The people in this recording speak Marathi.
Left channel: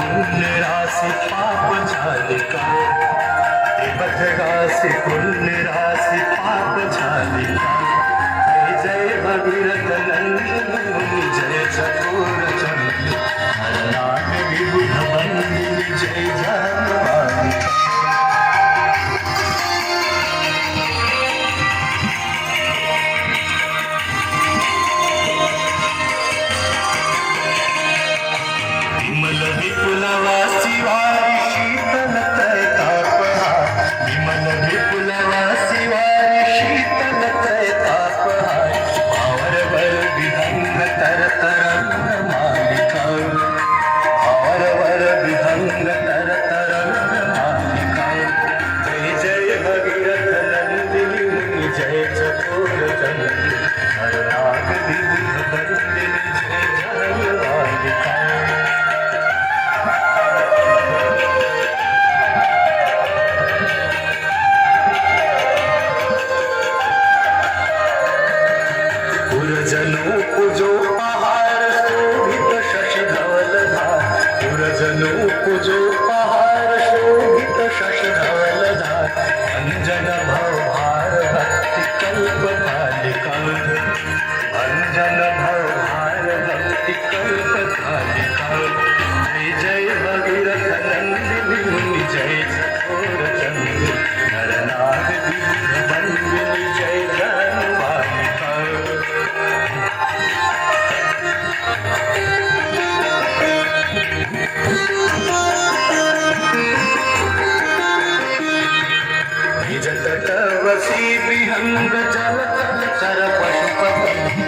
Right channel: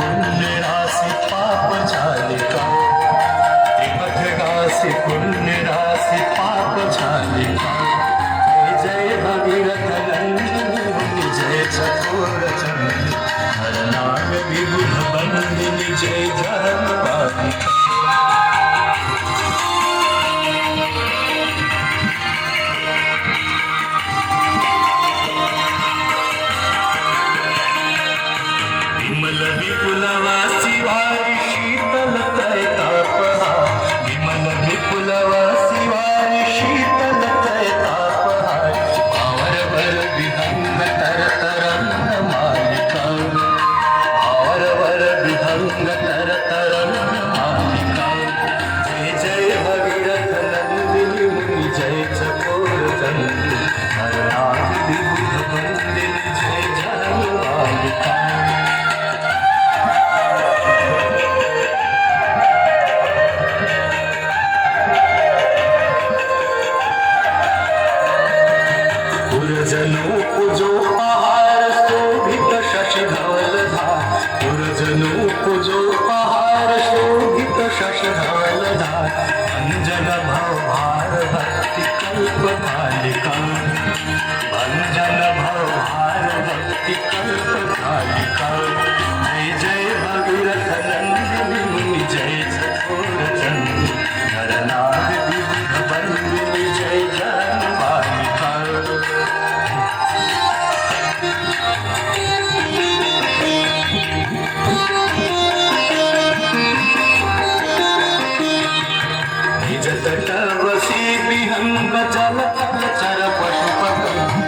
पुण्यराशि पाप झाले का ते पथगासी पुण्यराशि पाप झाले का जय भगीरथ नंदिनी जय चकोर चंद्र हरनाथ विबुध बंदिनी जय धर्मपालिका विमल विपुलवासी वारी शीतल तैतापहा विमल विपुलवासी वारी शीतल तैतापहाय भावरवर विहंग तर तरंग मालिका भावरवर विहंग तर तरंग मालिका जय जय भगीरथ नंदिनी जय चकोर चंद्र हरनाथ विबुध बंदिनी जय जयमालिका पुरजनो पूजो पहार शोभित शशि धवल धार पुरजनो पूजो पहार शोभित शशि धवल धार अंजन भव भार भक्ति कल्प कालिका अंजन भव भार भक्ति कल्प कालिका जय जय भगीरथ नंदिनी मुनि जय चकोर चंद्र नरनाथ विबुध बंदिनी जय धर्मपालिका निज तट वसी विहंग जल चर पशुपति